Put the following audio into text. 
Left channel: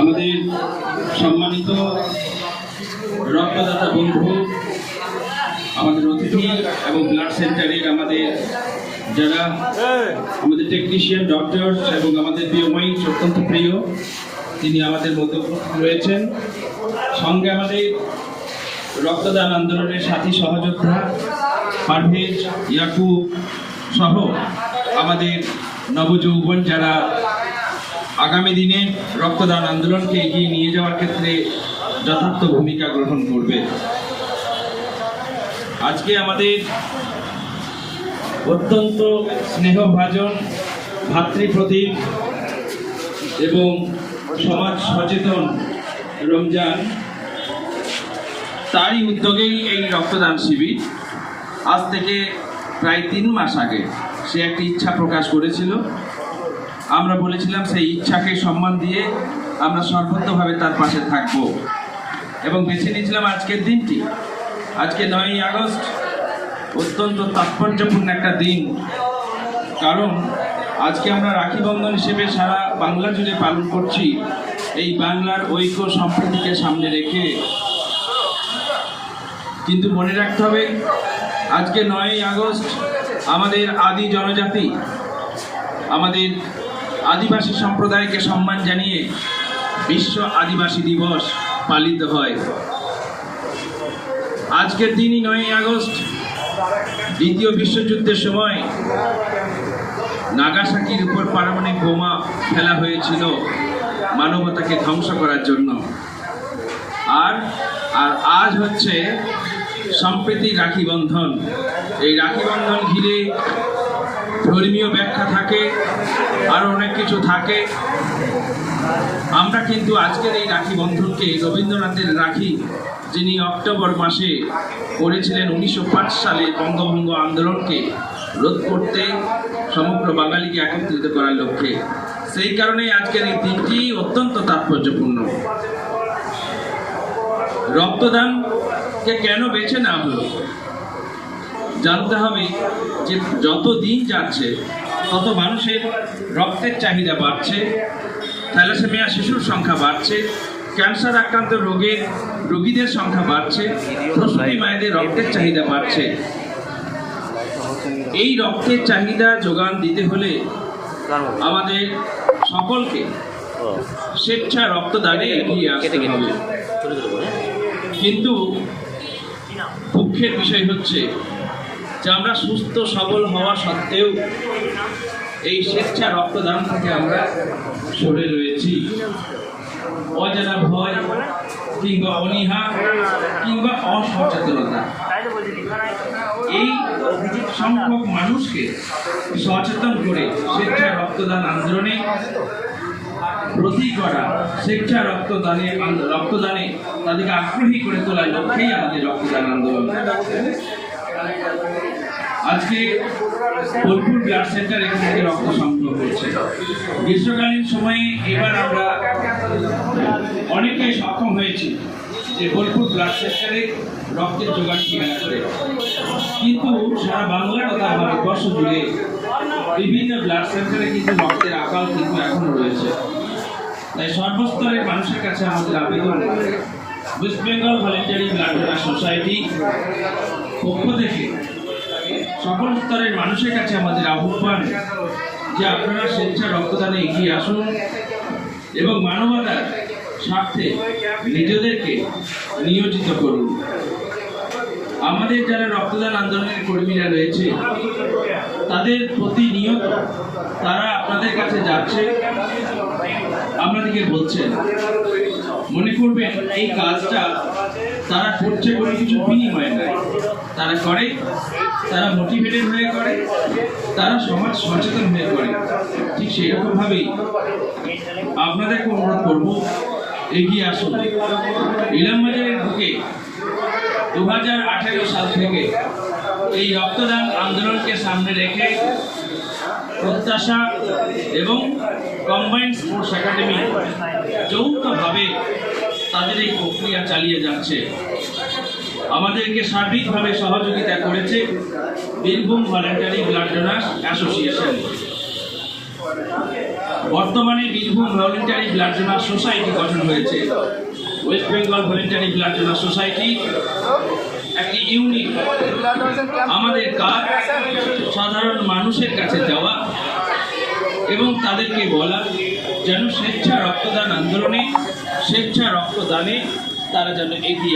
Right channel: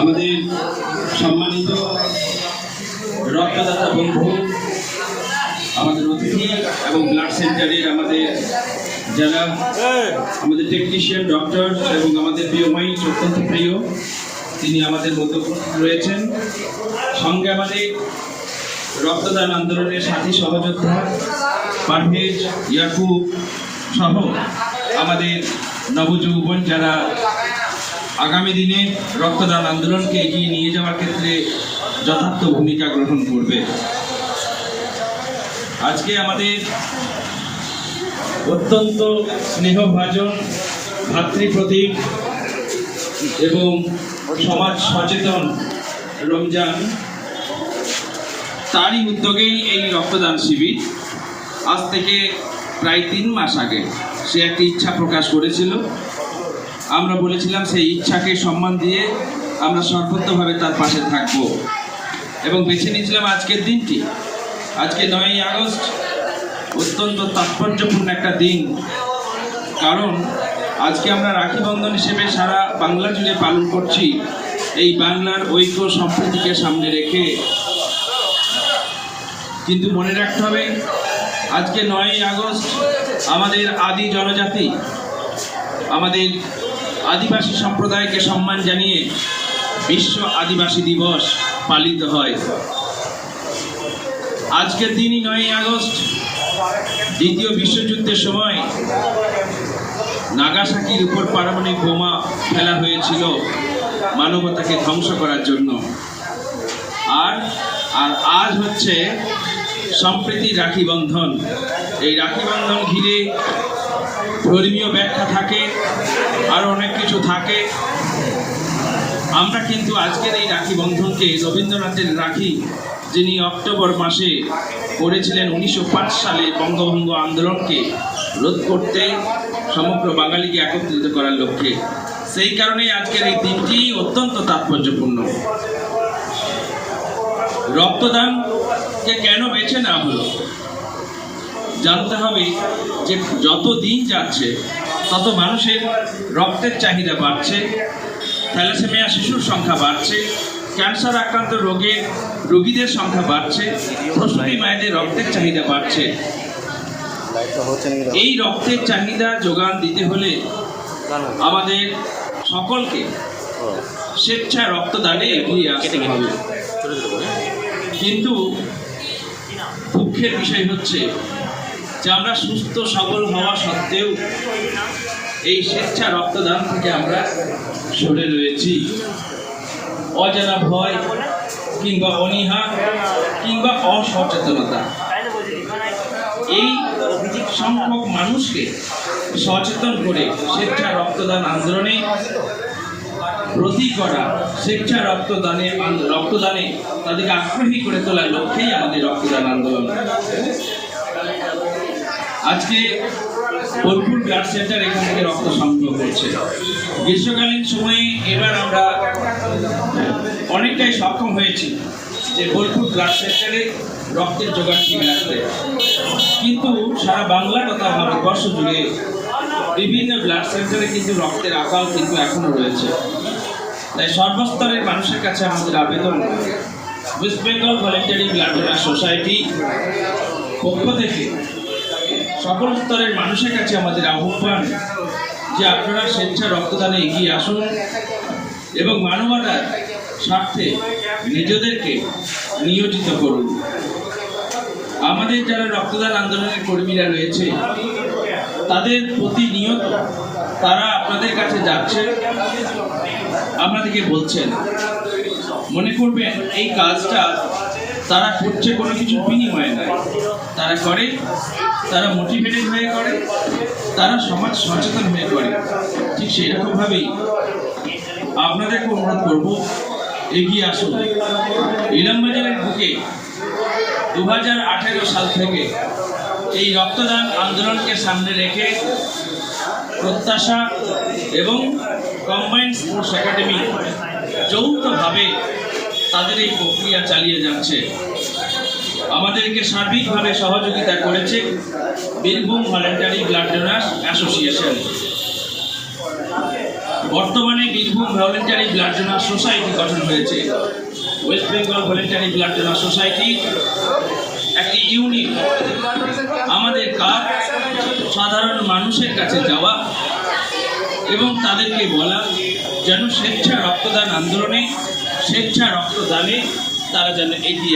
আমাদের সম্মানিত রক্তদাতা বন্ধু, আমাদের অতিথি এবং ব্লাড সেন্টারে আমাদের যারা, আমাদের টেকনিশিয়ান ডক্টর এবং আমাদের প্রিয় মহিষ অত্যন্ত প্রিয়, তিনি আমাদের মধ্যে রয়েছেন। সঙ্গে আমাদের রক্তদান আন্দোলনের সাথী সহযোদ্ধা, পারভেজ ইয়াকুব সহ আমাদের নবযৌবন যারা আগামী দিনে রক্তদান আন্দোলনকে এগিয়ে নিয়ে যাওয়ার ক্ষেত্রে যথার্থ ভূমিকা গ্রহণ করবে। আজকে আমাদের অত্যন্ত স্নেহভাজন ভাতৃপ্রতীক এবং সমাজ সচেতন রমজান, তারই উদ্যোগেই এই রক্তদান শিবির। আজ থেকে প্রায় তিন মাস আগে সে একটি ইচ্ছা প্রকাশ করেছিল। আমরা বলেছিলাম সেই ইচ্ছাকে সম্মান দিয়ে আমরা সর্বত্রভাবে তার পাশে থাকব। এবং বেছে নিয়েছিলাম আজকের দিনটি। আজকে নয়ই আগস্ট, অত্যন্ত তাৎপর্যপূর্ণ একটা দিন। কারণ আজকে আমরা রাখি বন্ধন হিসেবে সারা বাংলা জুড়ে পালন করছি এই বাংলার ঐক্য সম্প্রীতিকে সামনে রেখে। কিন্তু মনে রাখতে হবে, আজকে নয়ই আগস্ট আমাদের আদি জনজাতি, আমাদের আদিবাসী সম্প্রদায়কে সম্মান জানিয়ে বিশ্ব আদিবাসী দিবস পালিত হয়। আজকের দিনই নয়ই আগস্ট, দ্বিতীয় বিশ্বযুদ্ধের সময় নাগাসাকির উপর পারমাণবিক বোমা ফেলা হয়েছিল মানবতাকে ধ্বংস করার জন্য। আর আর আজ হচ্ছে সম্প্রীতি রাখি বন্ধন। এই রাখি বন্ধন ঘিরে ধর্মীয় ব্যাখ্যা থাকে, আর অনেক কিছু থাকে। আমরা কিন্তু আজকের এই রাখি বন্ধনকে রবীন্দ্রনাথের রাখি, যিনি অক্টোবর মাসে করেছিলেন উনিশশো পাঁচ সালে বঙ্গভঙ্গ আন্দোলনকে রোধ করতে সমগ্র বাঙালিকে একত্রিত করার লক্ষ্যে। সেই কারণেই আজকের এই দিনটি অত্যন্ত তাৎপর্যপূর্ণ। রক্তদানকে কেন বেছে নেওয়া হলো? জানতে হবে যে যত দিন যাচ্ছে, তত মানুষের রক্তের চাহিদা বাড়ছে, থ্যালাসেমিয়া শিশুর সংখ্যা বাড়ছে, ক্যান্সার আক্রান্ত রোগের রোগীদের সংখ্যা বাড়ছে, প্রসূতি মায়েদের রক্তের চাহিদা বাড়ছে। এই রক্তের চাহিদা যোগান দিতে হলে আমাদের সকলকে স্বেচ্ছা রক্তদানে এগিয়ে আসতে হবে। কিন্তু দুঃখের বিষয় হচ্ছে যে আমরা সুস্থ, সবল হওয়া সত্ত্বেও এই স্বেচ্ছা রক্তদান থেকে আমরা সরে রয়েছি। অজানা ভয় কিংবা অনীহা কিংবা অসচেতনতা। এই সংখ্যক মানুষকে সচেতন করে স্বেচ্ছা রক্তদান আন্দোলনে প্রতি করা স্বেচ্ছা রক্তদানে রক্তদানে তাদেরকে আগ্রহী করে তোলার লক্ষ্যেই আমাদের রক্তদান আন্দোলন। আজকে বোলপুর ব্লাড সেন্টার এখান থেকে রক্ত সংগ্রহ করছে। গ্রীষ্মকালীন সময়ে এবার আমরা অনেকটাই সক্ষম হয়েছি যে বোলপুর ব্লাড সেন্টারে রক্তের জোগান ঠিক রাখতে কিন্তু সারা বাংলা তথা ভারতবর্ষ জুড়ে বিভিন্ন ব্লাড সেন্টারে কিন্তু রক্তের আকাল কিন্তু এখনও রয়েছে। তাই সর্বস্তরের মানুষের কাছে আমাদের আবেদন, West Bengal voluntary blood donor society পক্ষ থেকে সকল স্তরের মানুষের কাছে আমাদের আহ্বান যে আপনারা স্বেচ্ছা রক্তদানে এগিয়ে আসুন এবং মানবতার স্বার্থে নিজেদেরকে নিয়োজিত করুন। আমাদের যারা রক্তদান আন্দোলনের কর্মীরা রয়েছে, তাদের প্রতিনিয়ত তারা আপনাদের কাছে যাচ্ছে, আপনাদেরকে বলছেন। মনে করবেন, এই কাজটা তারা করছে কোনো কিছু বিনিময়ে নয় তারা করে, তারা মোটিভেটেড হয়ে করে, তারা সমাজ সচেতন হয়ে করে। ঠিক সেই রকমভাবেই আপনাদেরকে অনুরোধ করব, এগিয়ে আসুন। ইলামবাজারের বুকে দু হাজার আঠেরো সাল থেকে এই রক্তদান আন্দোলনকে সামনে রেখে প্রত্যাশা এবং কম্বাইন্ড স্পোর্টস একাডেমি যৌথভাবে তাদের এই প্রক্রিয়া চালিয়ে যাচ্ছে। আমাদেরকে সার্বিকভাবে সহযোগিতা করেছে Birbhum voluntary blood donors association. বর্তমানে Birbhum voluntary blood donor society গঠন হয়েছে। West Bengal voluntary blood donor society একটি ইউনিট আমাদের কাজ সাধারণ মানুষের কাছে যাওয়া এবং তাদেরকে বলা যেন স্বেচ্ছা রক্তদান আন্দোলনে স্বেচ্ছা রক্তদানে তারা যেন এগিয়ে